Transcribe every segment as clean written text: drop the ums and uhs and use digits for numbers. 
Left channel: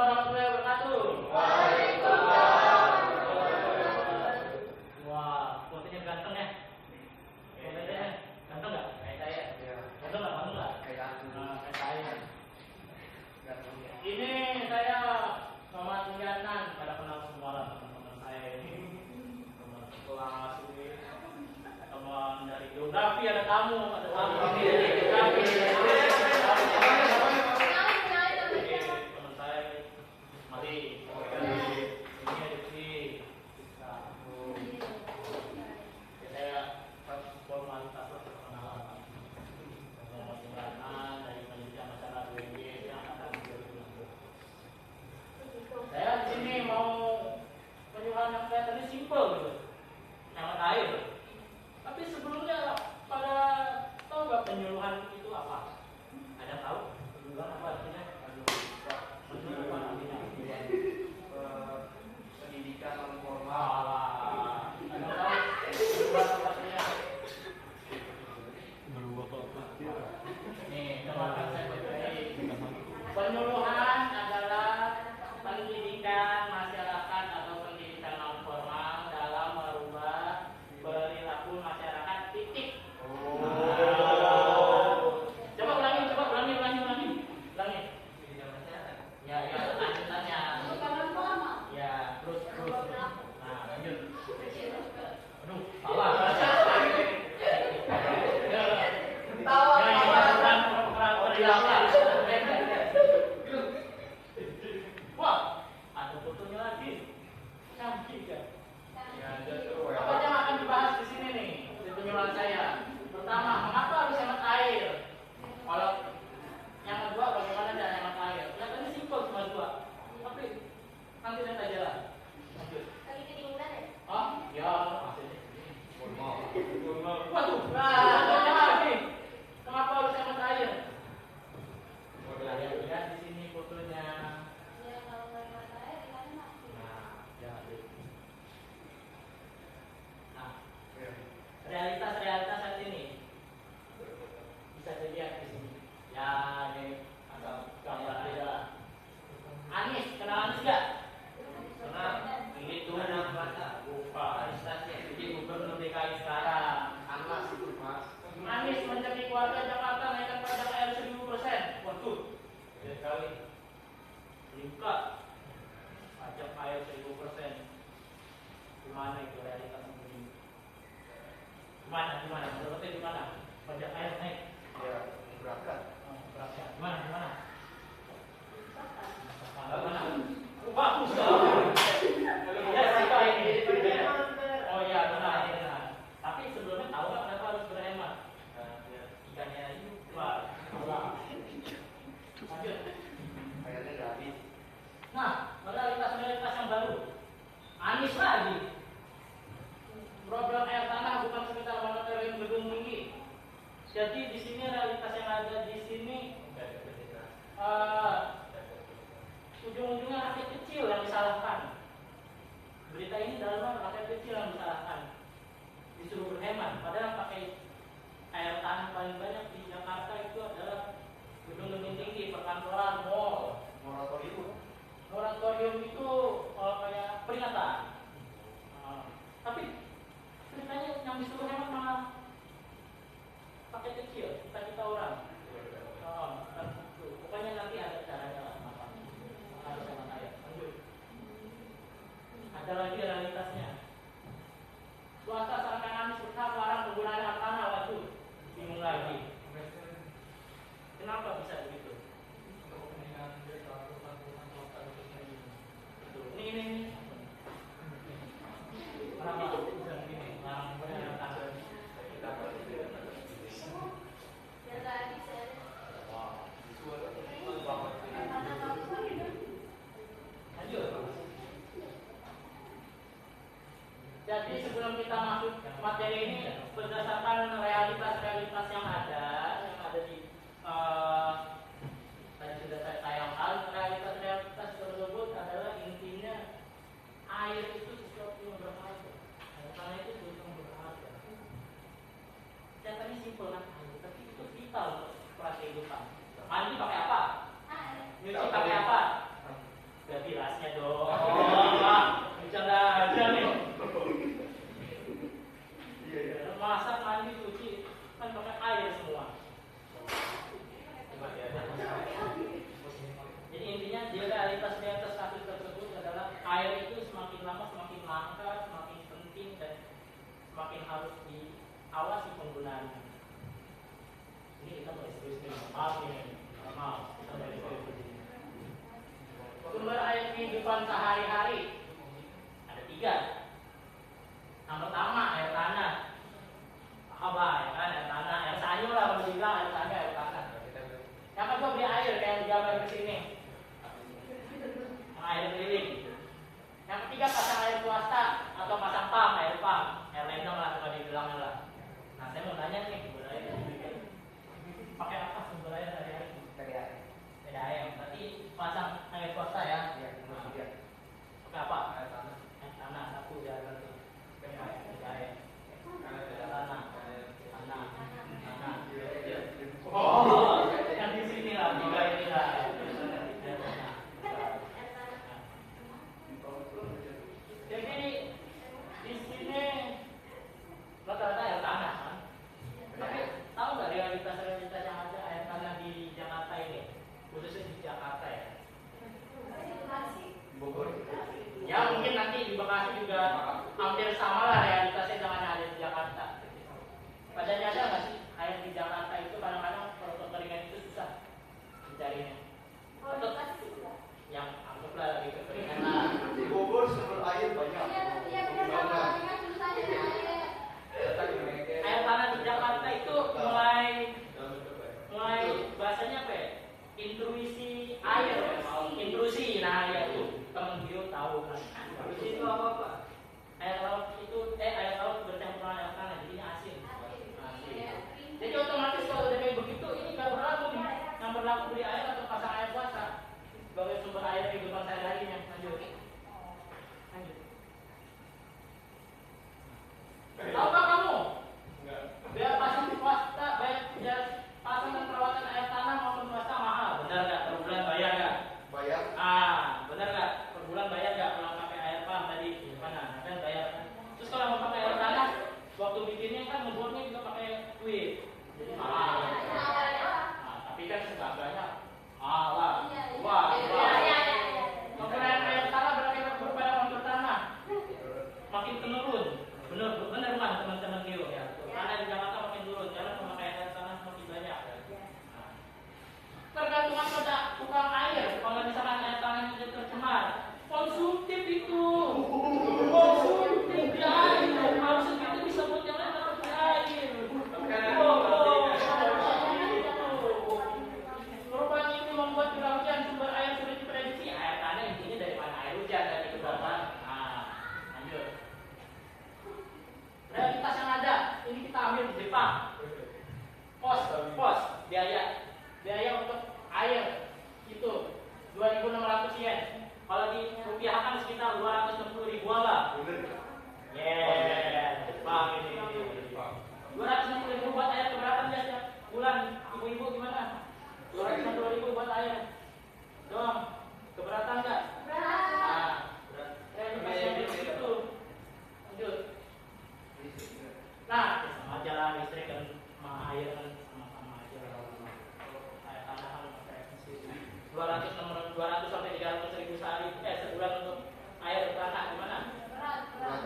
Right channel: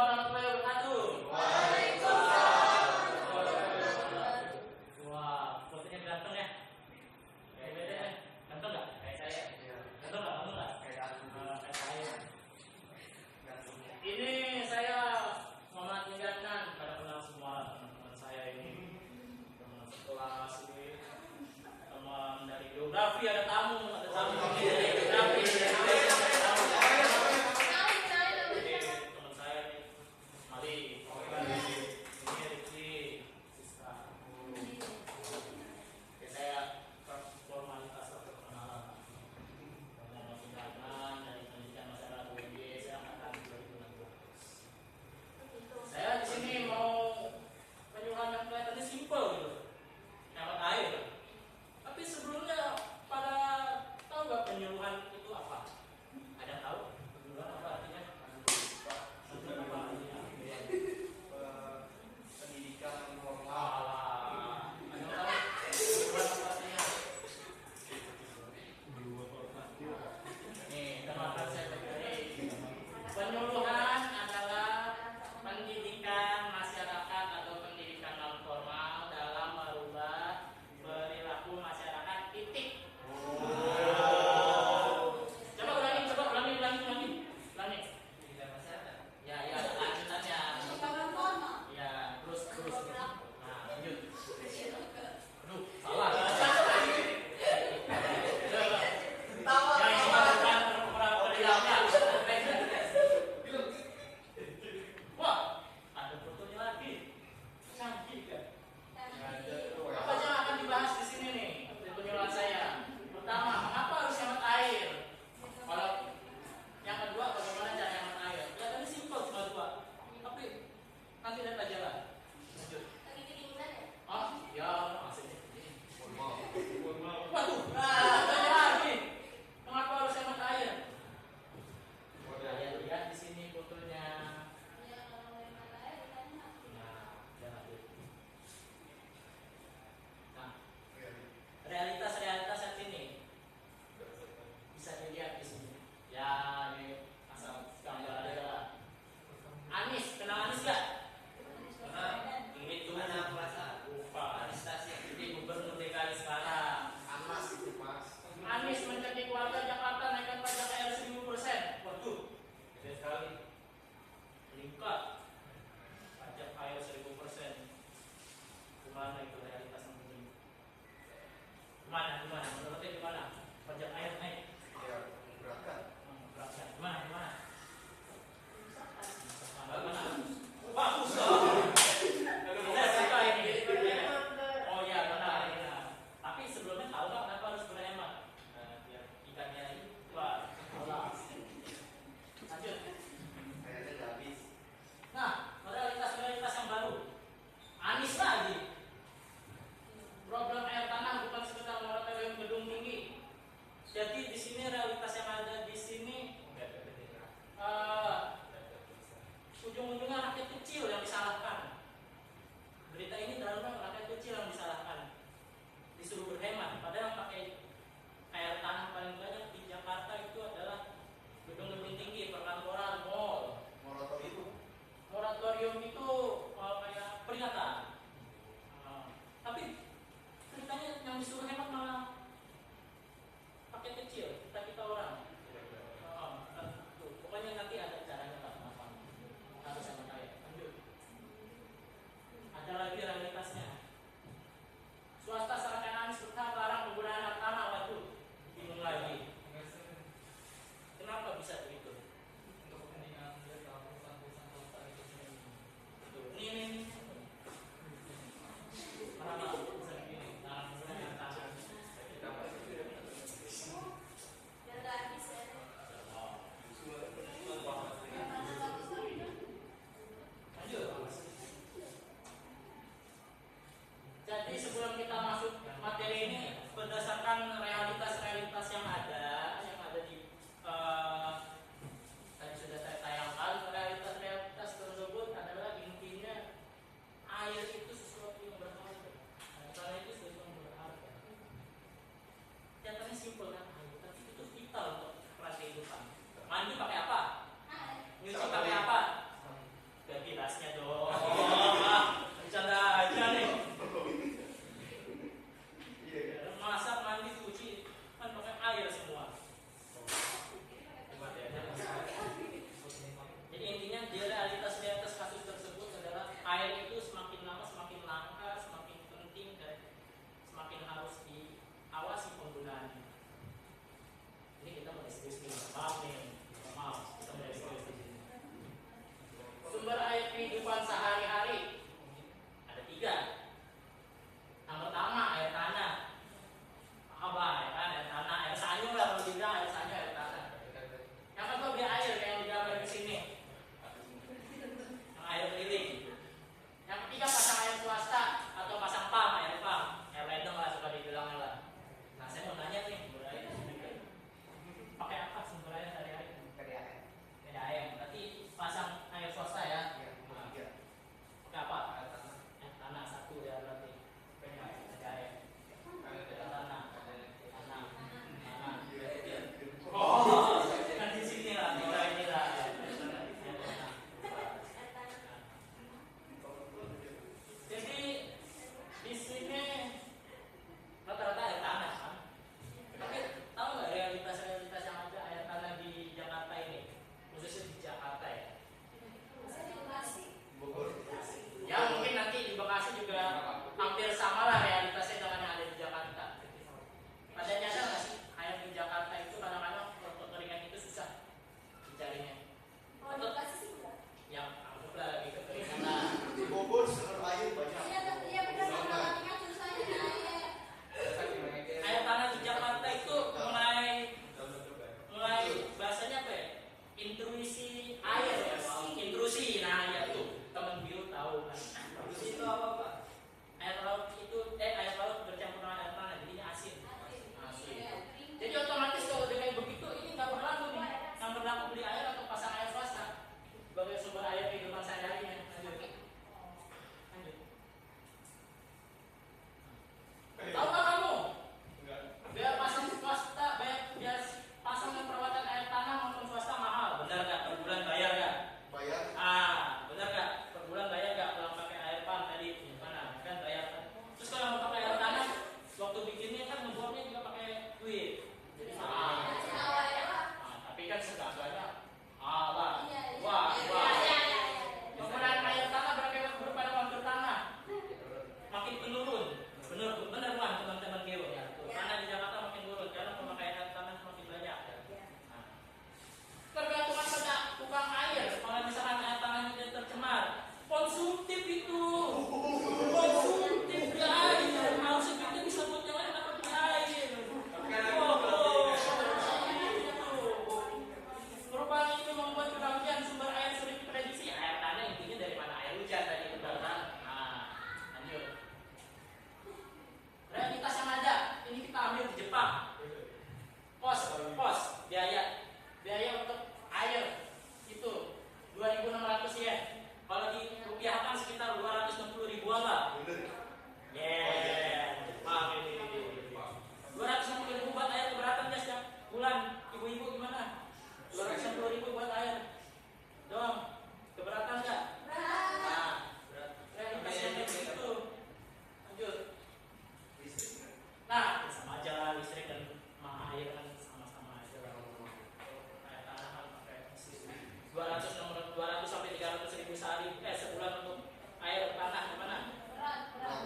warahmatullahi wabarakatuh. Waalaikumsalam. Wah, fotonya ganteng ya. Ganteng nggak? Kayak saya. Ganteng nggak? Ganteng nggak? Kayak aku. Kayak saya. Ganteng. Ini saya Muhammad Mujanan, pada kenal semua lah teman-teman saya ini, teman sekelas ini, teman dari geografi, ada tamu ini dari geografi. Ini teman saya nih, Mali. Ini Rizky, Siska. Ya, saya formalitas lah perkenalan. Muhammad Mujanan dari pendidikan masyarakat UNY angkatan 2016. Saya di sini mau penyuluhan yang kelihatannya simpel gitu, hemat air. Tapi sebelumnya pada tahu nggak penyuluhan itu apa? Ada tahu penyuluhan apa artinya? Penyuluhan artinya Pendidikan non formal. Ada tahu penyuluhan apa artinya? Nih, dengarkan saya baik-baik. Penyuluhan adalah pendidikan masyarakat atau pendidikan non formal dalam merubah perilaku masyarakat. Titik. Coba ulangi. Pendidikan masyarakat. Ya, lanjutannya. Ya, terus. Nah, lanjut. Aduh, salah. Wah, ada fotonya lagi. Canggih kan? Apa yang akan dibahas di sini nih? Di penyuluhan saya. Pertama, mengapa harus hemat air? Kalau yang kedua, bagaimana cara hemat air? Kelihatannya simpel cuma dua. Tapi nanti lihat aja lah. Lanjut. Oh, ya, maksudnya. Waduh, ada lagi. Kenapa harus hemat air? Lihat di sini fotonya. Nah, realitas saat ini bisa dilihat di sini. Ya, ini asal gambar aja lah. Anies, kenal Anies nggak? Kenal. Ini tuh Anak masa. lupa. Anies Tasya. Jadi gubernur DKI sekarang. Amas itu mas. Anies menjadi warga Jakarta naikkan pajak air 1000%. Waduh, gede sekali. Meningkat pajak air 1000%. Gimana itu realitas yang begini? Gimana? Menurutnya gimana? Pajak air naik. Ya, berangkat. Berapa? Gimana? Bagaimana? Bagus dong. Saya suka ini. Oh iya, benar. Tapi sebelumnya tahu nggak kenapa harus berhemat? Biar ikannya hidup. Lanjut. Kayaknya udah habis. Nah, realitas yang baru. Anies lagi. Problem air tanah bukan sekedar moratorium gedung tinggi. Jadi di sini realitas yang ada di sini ujung-ujungnya rakyat kecil yang disalahkan. Berita ini dalam rakyat kecil yang disalahkan. Disuruh berhemat, padahal pakai air tanah paling banyak di Jakarta itu adalah gedung-gedung tinggi, perkantoran, mall. Moratorium itu kayak peringatan. Tapi ceritanya yang disuruh hemat malah pakai kecil, kita orang. Pokoknya nanti ada caranya lah. Harus sama saya. Lanjut. Ada lagi realitasnya. Swasta seakan Anies berhak larang penggunaan hak tanah. Waduh, bingung lagi. Kenapa bisa begitu? Ini. Kenapa bisa begini? Larang penggunaan hak tanah. Jadi sebelum kita masuk materi ini, berdasarkan realitas yang ada di kehidupan sehari-hari ada 3. Yang pertama air tanah, apa ya kan, air tanah, air sanyo lah kalau dibilang, air sanyo, air tanah. Yang kedua beli air yang digambar di sini, yang air keliling. Yang ketiga pasang air swasta atau pasang pump, air ledeng lah suka dibilangnya lah. Nah saya mau nanya nih, sumber air pakai apa sumber air sehari-hari? Dari air. Berarti pasang air swasta ya? Pakai apa? Air tanah 1 ya berarti. Air tanah. Oh, yang di sini lah, 3 ini lah. Jadi di sini rata-rata air tanah kan. Tapi tahu nggak realitas yang ada air tanah di Jakarta ini, khususnya di Jakarta ya? Ya mungkin nanti di Bekasi juga hampir sama lah realitasnya dengan yang ada di Jakarta. Pada nyadar nggak sih air di Jakarta itu kadang-kadang kalau kekeringan itu susah dicarinya. Atau yang anggaplah lagi kekeringan lah. Di Bogor sumber air banyak. Air tanah di Jakarta itu mulai bahasanya apa ya? Intrusi air, intrusi. Nah ya itu teman bio tahu kan. Intrusi itu apa? Air laut itu air laut bercampur dengan air tanah jadinya asin. Jadi otomatis kalau udah kayak begitu ini nggak berlaku nih. Yang berlaku beli air atau pasang air swasta sebagai sumber air kehidupan sehari-harinya. Lanjut. Tahukah kamu? Biar pasang swasta, biar pasang dan perawatan air tanah maupun swasta mahal. Benar nggak? Per bulan bayar nggak? Bayar. Benar nggak? Per bulan bayar nggak? Kalau pakai air pump tadi gimana? Kan bayar. Terus kalau mau pakai air tanah, waktu bikinnya kan membuatnya juga pakai duit. Jadi mahal. Tapi kan segaganya wah. Penggunaan air tanah berupa kontur tanah makin menurun. Bener kan teman-teman Geo ya. Tanah di Jakarta makin turun karena pemakaian air tanah semakin banyak. Tergantung pada tukang air. Kalau misalkan air tanah itu tercemar, konsumtif itu. Konsumtif di air. Maksud itu bisa buat yang lain dapat di air. Perubahan itu membuat kebagian sumber air sulit diprediksi. Air tanah intinya dari mana air hujan tadi itu kan. Lanjut. Realitas yang ada ini kita ambil di Jepang. Pos biaya untuk air itu 2.600 yen. Kalau dirupiahkan sekitar 260 ribuan lah. Jepang ini. 260 ribu buat air keberatan ya setiap bulan. Ibu-ibu gimana? 260 ribu buat air. Dong, keberatan nggak? Realitasnya itu. Lanjut. Nah, sama aja lah listrik dan air kan sama aja lah. Air tanah kan pakai mesin 200 sampai 300 ribu sehari sebulan untuk air tanah gimana? Berat.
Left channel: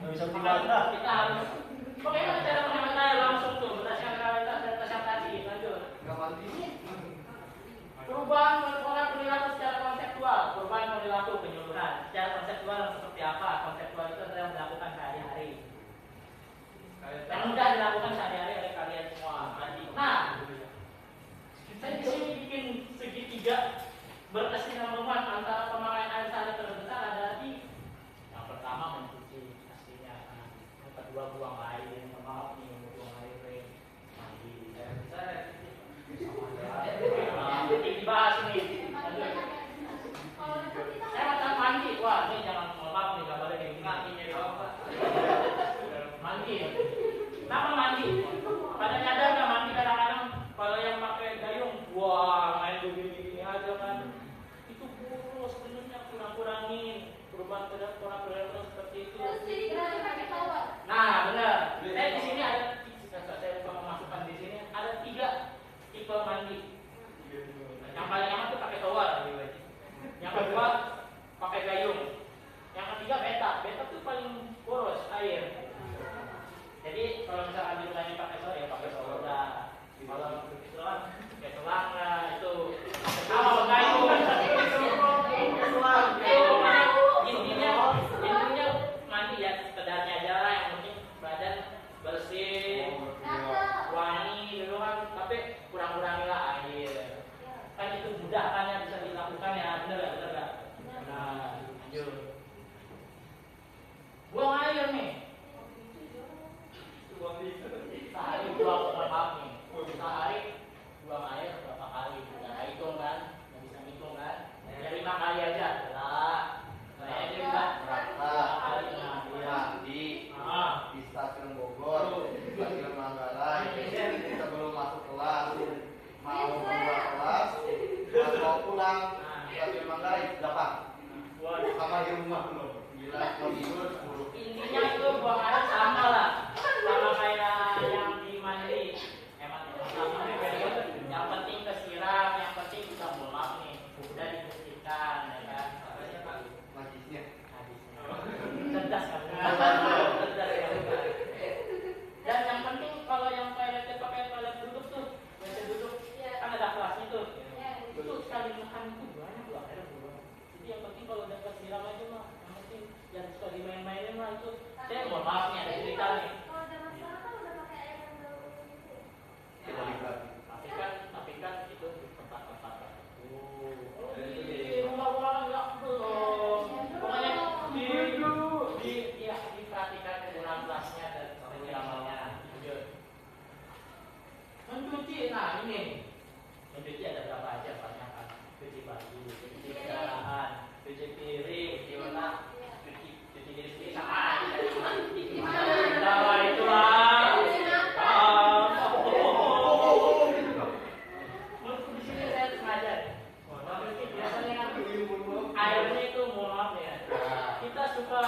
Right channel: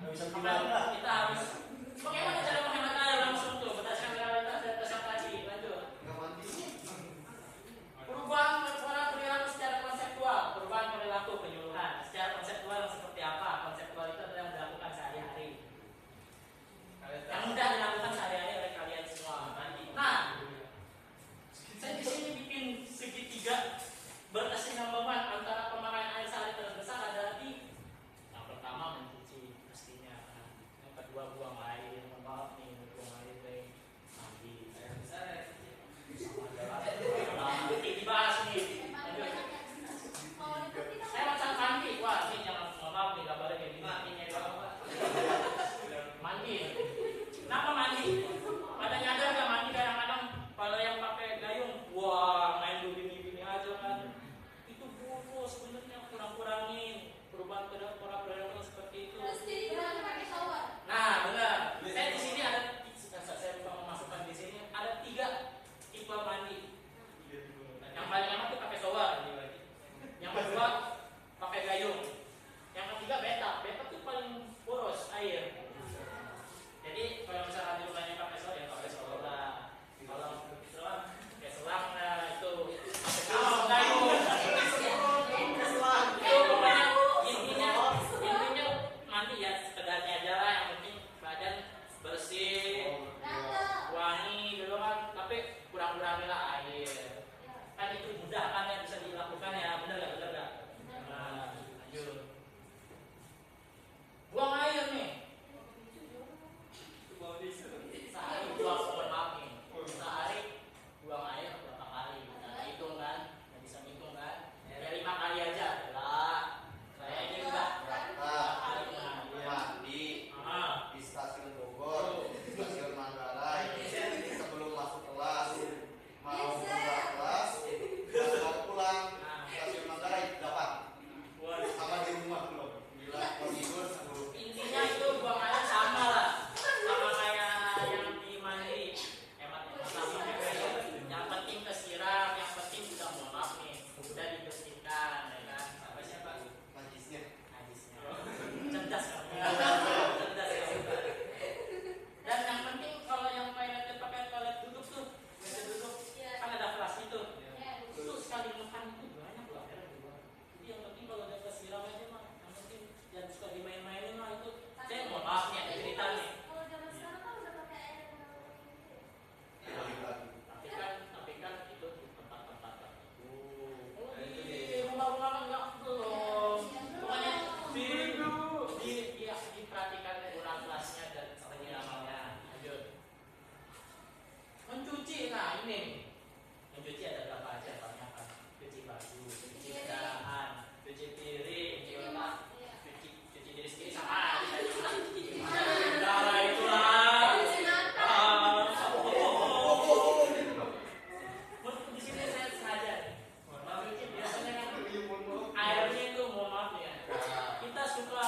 Nggak bisa gimana? Kita harus bagaimana cara menghemat air langsung tuh berdasarkan realitas yang tadi. Lanjut. Nggak mandi. Perubahan orang perilaku secara konseptual, perubahan perilaku penyuluhan. Secara konseptual seperti apa? Konseptual itu adalah yang dilakukan sehari-hari. Yang mudah dilakukan sehari-hari oleh kalian semua. Nah, saya di sini bikin segitiga berkesinambungan antara pemakaian air sehari terbesar adalah di yang pertama mencuci pastinya. dimudahkan ya, bisa dilakukan ya, benar nggak? Nah, lanjut. Buang air nih. Sehari buang, maaf nih. Sehari buang air berapa kali? Nggak hitung kan? Nggak bisa ngitung kan? Ya 5 kali aja. Lah, saya aja juga Berangkat, kali nah, iya. mandi di stasiun Bogor, di stasiun Manggarai, sebelum masuk kelas, mau keluar kelas, pas mau pulang, stasiun Manggarai 8, sama di rumah belum, 9, mau tidur 10. Intinya itu buang air sama lah, sama kayak yang di mandi. Emang sama kayak yang penting kesiram, yang penting udah mohon maaf nih, udah dibersihkan, ya kan? Apa sih Pak? Najisnya. Habisnya. Cerdas kamu. Cerdas ya. Dan yang penting kalau yang toilet pakai toilet duduk tuh, biasa duduk, kan ada kelasnya tuh. Itu sekali makan itu banyak loh akhirnya buang. Jadi yang penting kalau udah kesiram aja mah, yang penting jangan suka dimain-mainin lah itu. Saya mohon maaf nih ada cerita nih. Kita lihat. Tapi kan itu di tempat-tempat tertentu. Oh, di rumah-rumah kan enggak belum. Pokoknya diperhatikan penggunaan gelasnya dan seperti amalnya. Lanjut. Mencuci, nah ini. Mencuci ada berapa aja banyak kan? Cuci baju, cuci kendaraan, cuci piring, cuci otak, cuci diri sendiri sama aja. Nah, itulah. Di sini saya sengaja. Biasanya kan airnya itu mohon maaf ya. Kita suka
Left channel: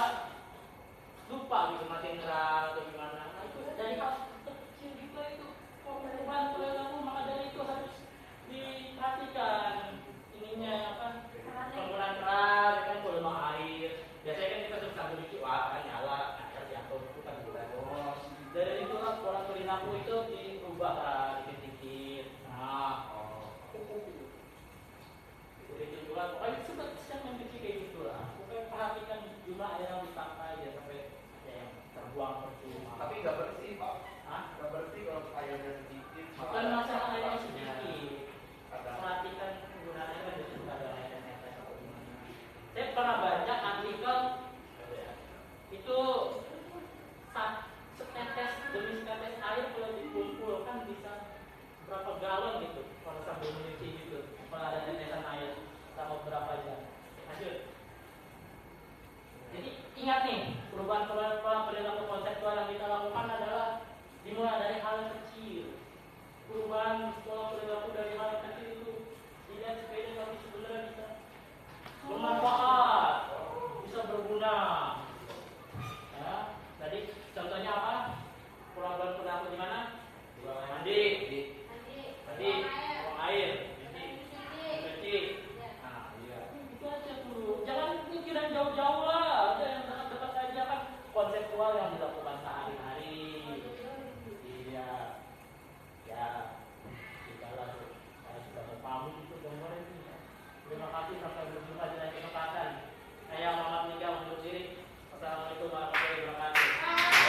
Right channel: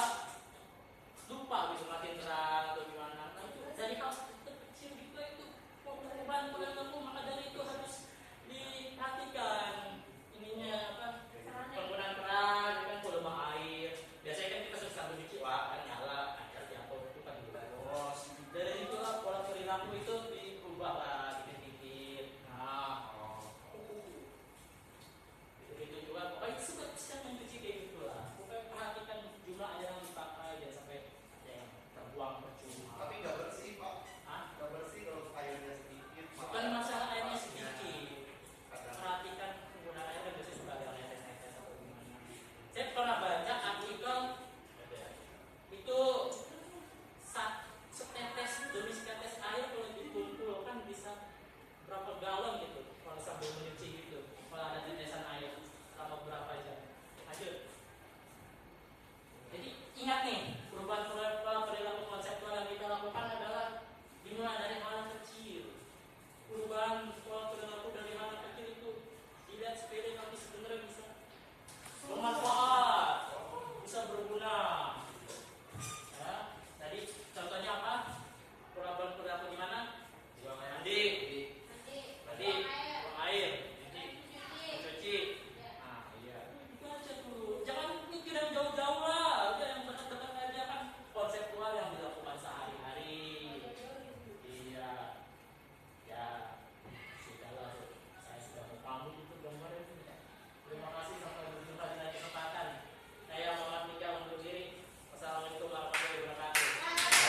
lupa gitu matiin keran atau gimana. Nah, itu dari hal kecil gitu itu korban perilaku, maka dari itu harus diperhatikan ininya apa penggunaan keran, kan volume air. Biasanya kan kita suka sambil cuci, wah kan nyala, air jatuh itu kan bos. Dari itulah pola perilaku itu diubah lah dikit-dikit. Nah, itu juga, pokoknya sedang mencuci kayak gitulah. Pokoknya perhatikan jumlah air yang dipakai jangan sampai ada yang terbuang percuma. Tapi nggak bersih Pak. Hah? Nggak bersih kalau airnya sedikit. Bukan masalah airnya sedikit. Perhatikan penggunaan air kan biasanya suka ada netes-netes atau gimana. Saya pernah baca artikel itu setetes demi setetes air kalau dikumpulkan bisa berapa galon gitu kalau sambil mencuci gitu. Kalau ada tetesan air selama berapa jam. Lanjut. Jadi ingat nih, perubahan pola perilaku konseptual yang kita lakukan adalah dimulai dari hal yang kecil. Perubahan